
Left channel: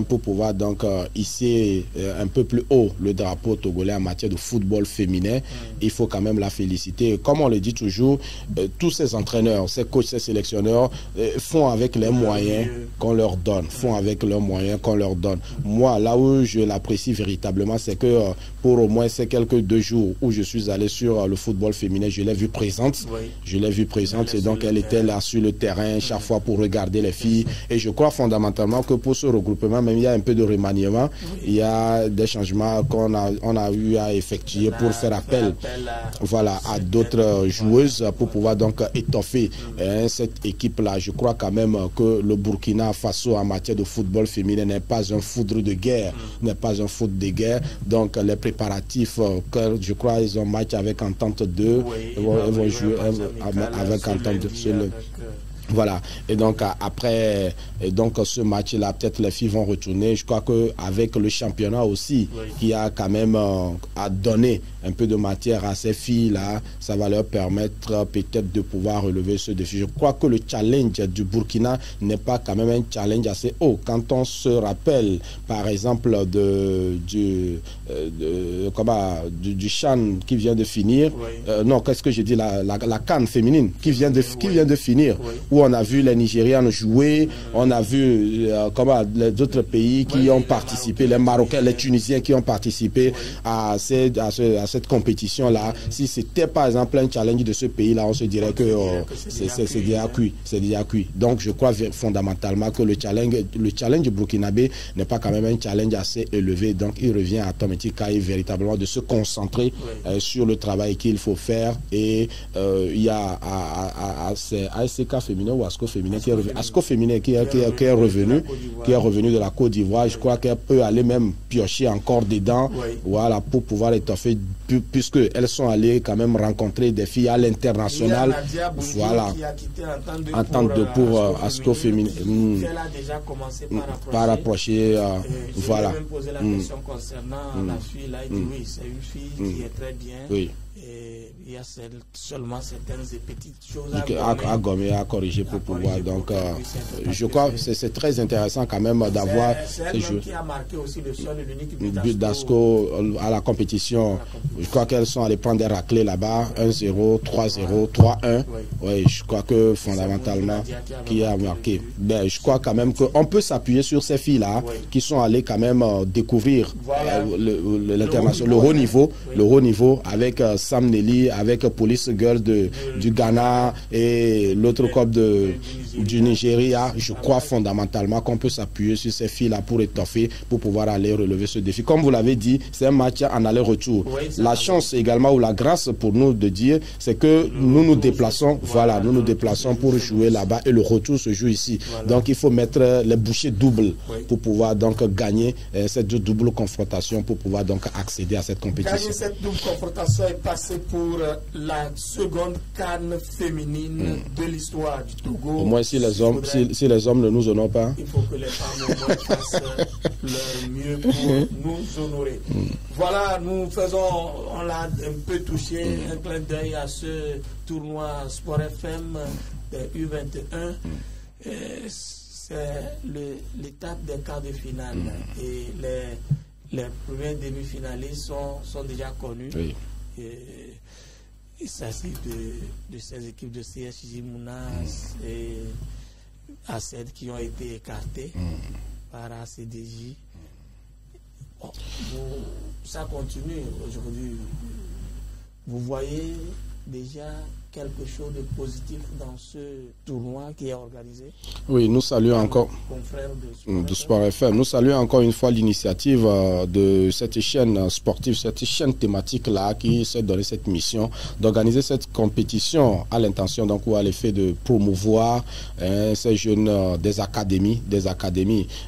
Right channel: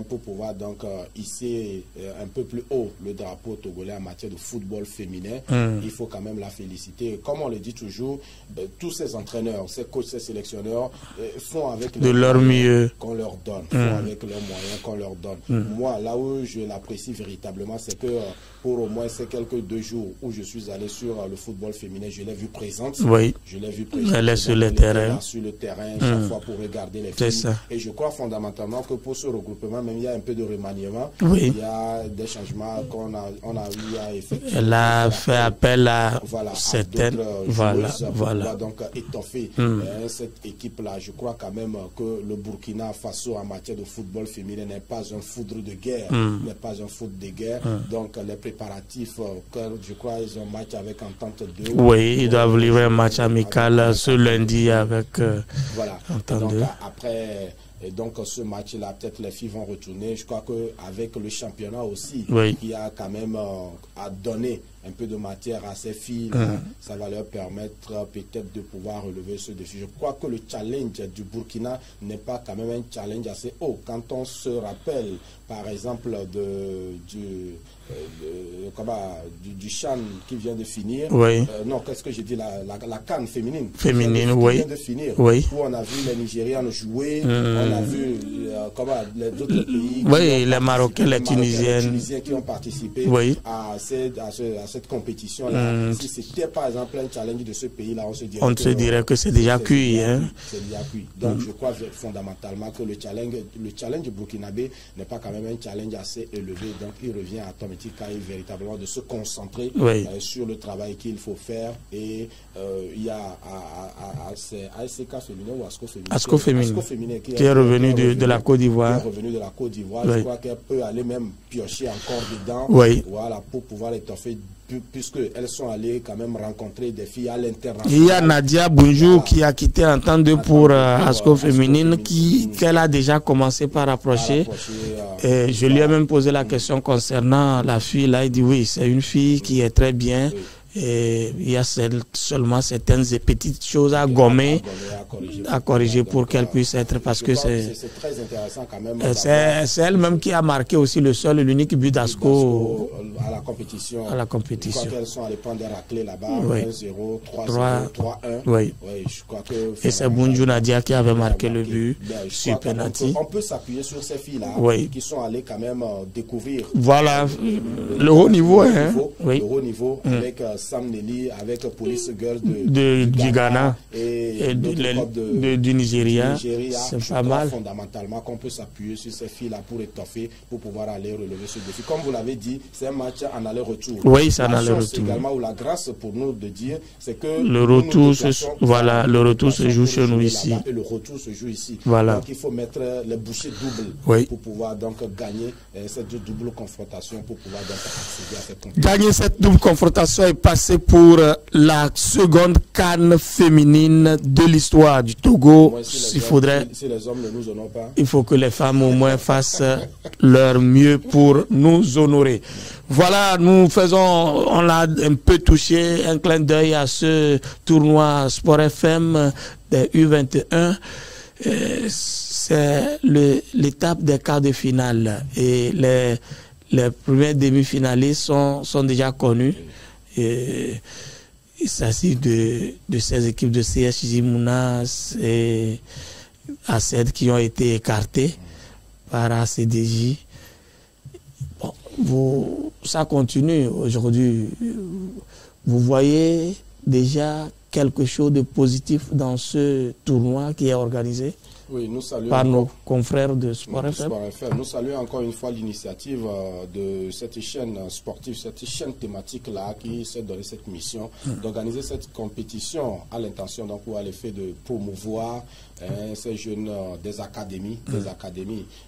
pour pouvoir donc hisser un peu plus haut le drapeau togolais en matière de football féminin. Il faut quand même la féliciter. Comme on le dit toujours, tous ces entraîneurs, ces coachs, ces sélectionneurs font avec les moyens qu'on leur donne. Font avec leurs moyens qu'on leur donne. Moi, là où je l'apprécie véritablement, c'est que pour au moins ces quelques 2 jours où je suis allé sur le football féminin, je l'ai vue présente. Je l'ai vue présente. Elle était là sur le terrain chaque fois pour regarder les filles. Et je crois fondamentalement que pour ce regroupement, même il y a un peu de remaniement. Il y a des changements qu'on a eu à effectuer. Elle a fait appel à d'autres joueuses pour pouvoir donc étoffer cette équipe-là. Je crois quand même que le Burkina Faso en matière de football féminin n'est pas un foudre de guerre. N'est pas un foudre de guerre. Donc les préparatifs, je crois ils ont match avec Entente 2. Oui, ils doivent livrer un match amical ce lundi avec... voilà. Et donc après ce match-là, peut-être les filles vont retourner. Je crois qu'avec le championnat aussi, qui a quand même à donner un peu de matière à ces filles-là, ça va leur permettre peut-être de pouvoir relever ce défi. Je crois que le challenge du Burkina n'est pas quand même un challenge assez haut. Quand on se rappelle, par exemple, du CHAN qui vient de finir, non, qu'est-ce que j'ai dit, la CAN féminine qui vient de finir, où on a vu les Nigérianes jouer, on a vu les autres pays qui ont participé, les Marocains, les Tunisiens qui ont participé à cette compétition-là. Si c'était par exemple un challenge de ce pays-là, on se dirait que c'est déjà cuit. C'est déjà cuit. Donc je crois fondamentalement que le challenge burkinabé n'est pas quand même un challenge assez élevé. Donc il revient à Tometi Kaye véritablement de se concentrer sur le travail qu'il faut faire. Et il y a ASK féminin ou ASCO féminin qui est revenu de la Côte d'Ivoire. Qui est revenu de la Côte d'Ivoire. Je crois qu'elle peut aller même piocher encore dedans. Voilà, pour pouvoir étoffer, puisqu'elles sont allées quand même rencontrer des filles à l'international. Il y a Nadia Bonjour qui a quitté Entente 2 pour ASCO féminine, qu'elle a déjà commencé par approcher. Je lui ai même posé la question concernant la fille. Là, il dit oui, c'est une fille qui est très bien. Et il y a seulement certaines petites choses à gommer, à corriger pour qu'elle puisse être. Parce que c'est très intéressant quand même d'avoir. C'est elle-même qui a marqué aussi le seul et l'unique but d'ASCO à la compétition. Je crois qu'elles sont allées prendre des raclés là-bas, 1-0, 3-0, 3-1. Je crois que. Et c'est Bonjour Nadia qui avait marqué le but. Je crois quand même qu'on peut s'appuyer sur ces filles-là qui sont allées quand même découvrir le haut niveau. Le haut niveau avec Sam Nelly, avec Police Girl du Ghana et l'autre club du Nigeria. Je crois fondamentalement qu'on peut s'appuyer sur ces filles-là pour étoffer, pour pouvoir aller relever ce défi. Comme vous l'avez dit, c'est un match en aller-retour. La chance également ou la grâce pour nous de dire, c'est que nous nous déplaçons. Le retour se joue chez nous là-bas et le retour se joue ici. Donc il faut mettre les bouchées doubles pour pouvoir donc gagner cette double confrontation, pour pouvoir donc accéder à cette compétition. Gagner cette double confrontation est passé pour la seconde CAN féminine de l'histoire du Togo. Moi, si les hommes ne nous honorent pas, il faut que les femmes au moins fassent leur mieux pour nous honorer. Voilà, on l'a un peu touché, un clin d'œil à ce tournoi Sport FM des U21. C'est l'étape des quarts de finale et les premiers demi-finalistes sont déjà connus. Et il s'agit de ces équipes de CSJ Mounas et ACED qui ont été écartées par ACDJ. Ça continue aujourd'hui. Vous voyez déjà quelque chose de positif dans ce tournoi qui est organisé? Oui, nous saluons par encore nos confrères de Sport FM. Nous saluons encore une fois l'initiative de cette chaîne sportive, cette chaîne thématique-là qui s'est donné cette mission d'organiser cette compétition à l'intention, donc, ou à l'effet de promouvoir ces jeunes des académies.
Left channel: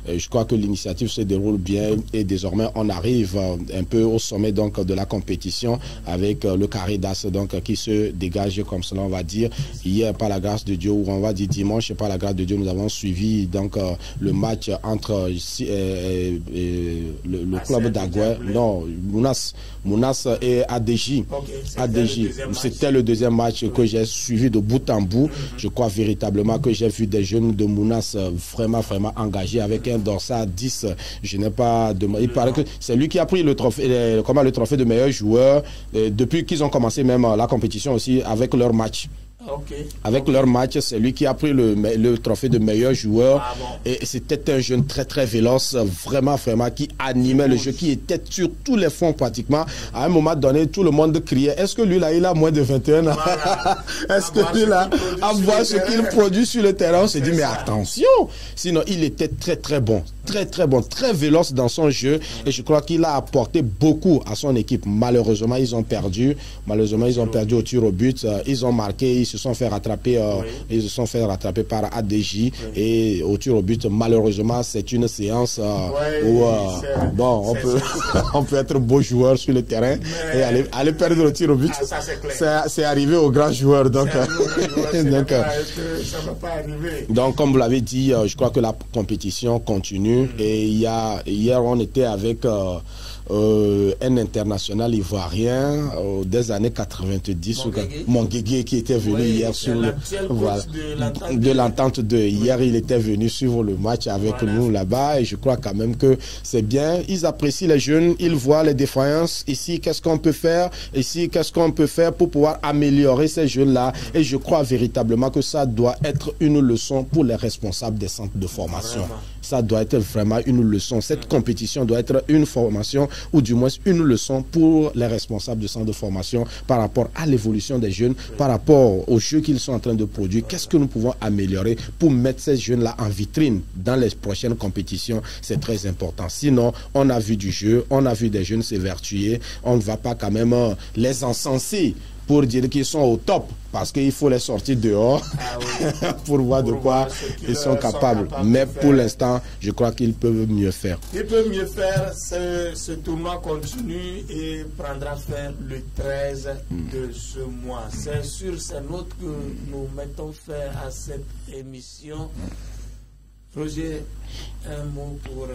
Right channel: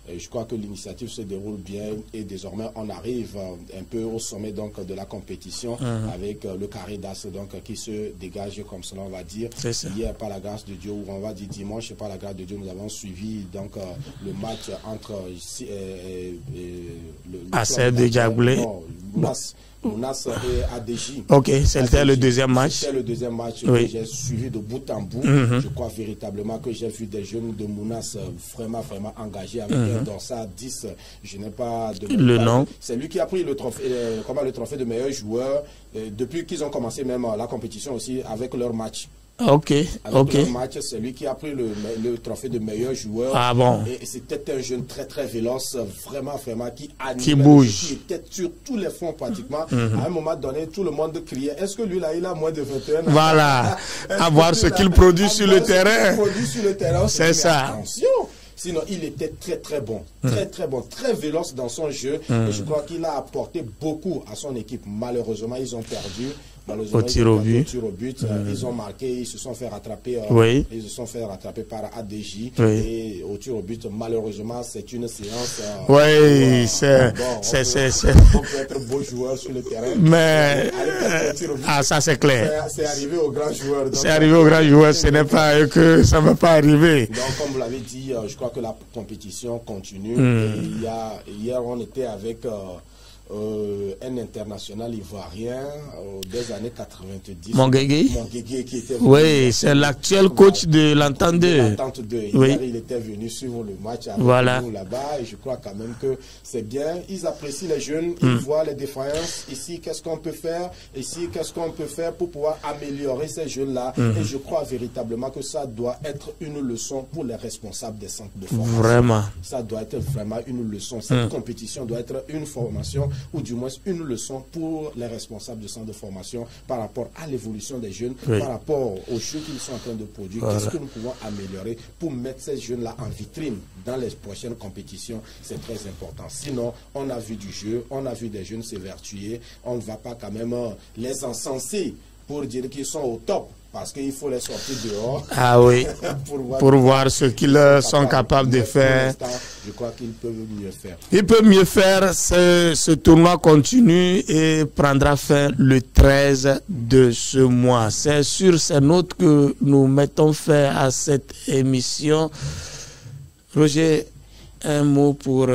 Je crois que l'initiative se déroule bien et désormais on arrive un peu au sommet donc de la compétition avec le carré d'as donc qui se dégage comme cela on va dire. Hier par la grâce de Dieu, ou on va dire dimanche par la grâce de Dieu, nous avons suivi donc le match entre le club d'Adjaoulé, Mounas et ADJ. Ok, c'était le deuxième match. C'était le deuxième match que j'ai suivi de bout en bout. Je crois véritablement que j'ai vu des jeunes de Mounas vraiment engagés avec un dorsal 10. Je n'ai pas de c'est lui qui a pris le trophée, le trophée de meilleur joueur depuis qu'ils ont commencé même la compétition aussi avec leur match. Avec leur match, c'est lui qui a pris le trophée de meilleur joueur. Ah bon. Et c'était un jeune très véloce, vraiment qui animait le jeu, qui était sur tous les fonds pratiquement. À un moment donné, tout le monde criait, est-ce que lui là, il a moins de 21 ans? Voilà. À voir ce qu'il produit sur le terrain. On s'est dit, mais attention. Sinon, il était très bon, très véloce dans son jeu. Et je crois qu'il a apporté beaucoup à son équipe. Malheureusement, ils ont perdu. Au tir au but. Ils ont marqué, ils se sont fait rattraper. Ils se sont fait rattraper par ADJ. Et au tir au but, malheureusement, c'est une séance où on peut être beau joueur sur le terrain. Mais aller perdre au tir au but. Ah, ça c'est clair. C'est arrivé aux grands joueurs. C'est arrivé aux grands joueurs. Ce n'est pas que ça ne va pas arriver. Donc, comme vous l'avez dit, je crois que la compétition continue. Et hier, on était avec un international ivoirien des années 90. Monguégué qui était venu. Oui, c'est l'actuel coach de l'Entente 2. Hier, il était venu suivre le match avec nous là-bas. Et je crois quand même que c'est bien. Ils apprécient les jeunes. Ils voient les défaillances. Ici, qu'est-ce qu'on peut faire? Ici, qu'est-ce qu'on peut faire pour pouvoir améliorer ces jeunes-là? Et je crois véritablement que ça doit être une leçon pour les responsables des centres de formation. Vraiment. Ça doit être vraiment une leçon. Cette compétition doit être une formation, ou du moins une leçon pour les responsables de centres de formation par rapport à l'évolution des jeunes, par rapport aux jeux qu'ils sont en train de produire. Qu'est-ce que nous pouvons améliorer pour mettre ces jeunes-là en vitrine dans les prochaines compétitions? C'est très important. Sinon, on a vu du jeu, on a vu des jeunes s'évertuer, on ne va pas quand même les encenser pour dire qu'ils sont au top, parce qu'il faut les sortir dehors pour voir ce qu'ils sont capables de faire. Pour l'instant, je crois qu'ils peuvent mieux faire. Ils peuvent mieux faire. Ce tournoi continue et prendra fin le 13 de ce mois. C'est sur ces notes que nous mettons fin à cette émission. Roger, un mot pour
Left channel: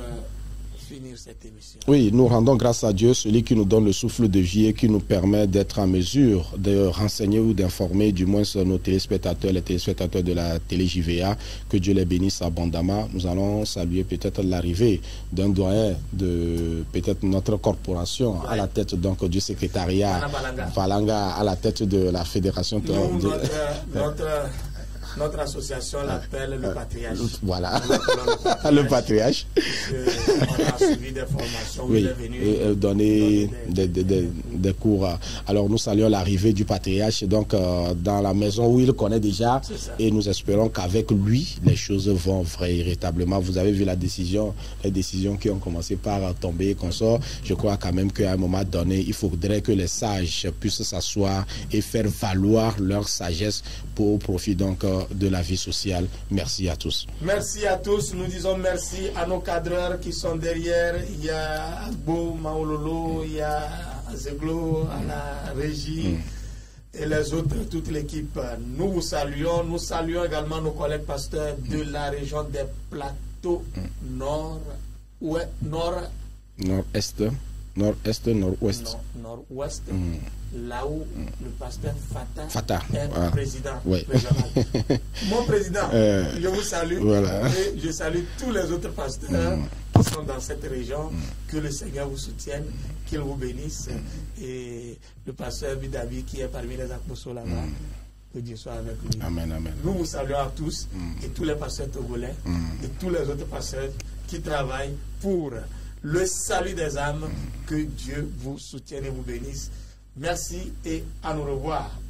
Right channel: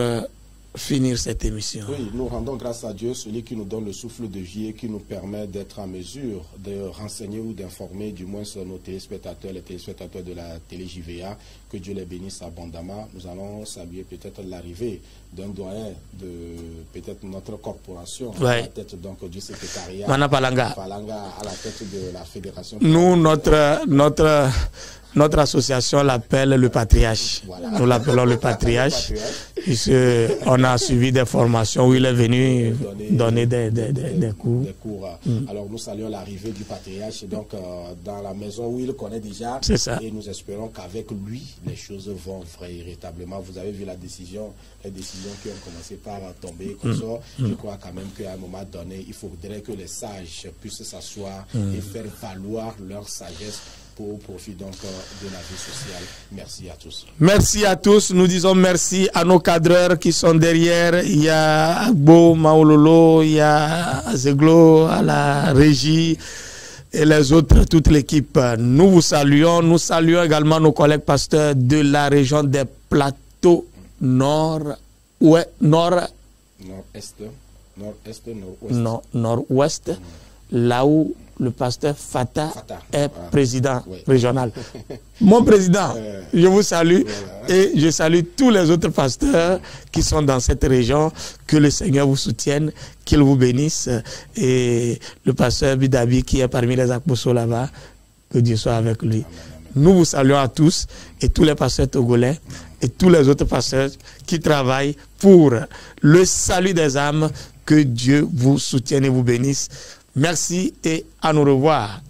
finir cette émission. Oui, nous rendons grâce à Dieu, celui qui nous donne le souffle de vie et qui nous permet d'être en mesure de renseigner ou d'informer du moins nos téléspectateurs, les téléspectateurs de la télé JVA, que Dieu les bénisse abondamment. Nous allons saluer peut-être l'arrivée d'un doyen de peut-être notre corporation à la tête donc du secrétariat Palanga à la tête de la fédération. Nous, notre association l'appelle le patriarche. Voilà. Nous l'appelons le patriarche. On a suivi des formations où il est venu donner des cours. Alors nous saluons l'arrivée du patriarche donc dans la maison où il connaît déjà. Et nous espérons qu'avec lui, les choses vont véritablement. Vous avez vu les décisions qui ont commencé par tomber comme ça. Je crois quand même qu'à un moment donné, il faudrait que les sages puissent s'asseoir et faire valoir leur sagesse au profit donc de la vie sociale. Merci à tous. Merci à tous. Nous disons merci à nos cadreurs qui sont derrière. Il y a Agbo, Maololo, il y a Zeglo à la régie et les autres, toute l'équipe. Nous vous saluons. Nous saluons également nos collègues pasteurs de la région des plateaux nord-est. Nord-ouest. Là où le pasteur Fata est président régional. Mon président, je vous salue et je salue tous les autres pasteurs qui sont dans cette région. Que le Seigneur vous soutienne, qu'il vous bénisse. Et le pasteur Bidabi qui est parmi les apostles là-bas, que Dieu soit avec lui. Amen, amen. Nous vous saluons à tous et tous les pasteurs togolais et tous les autres pasteurs qui travaillent pour le salut des âmes. Que Dieu vous soutienne et vous bénisse. Merci et à nous revoir.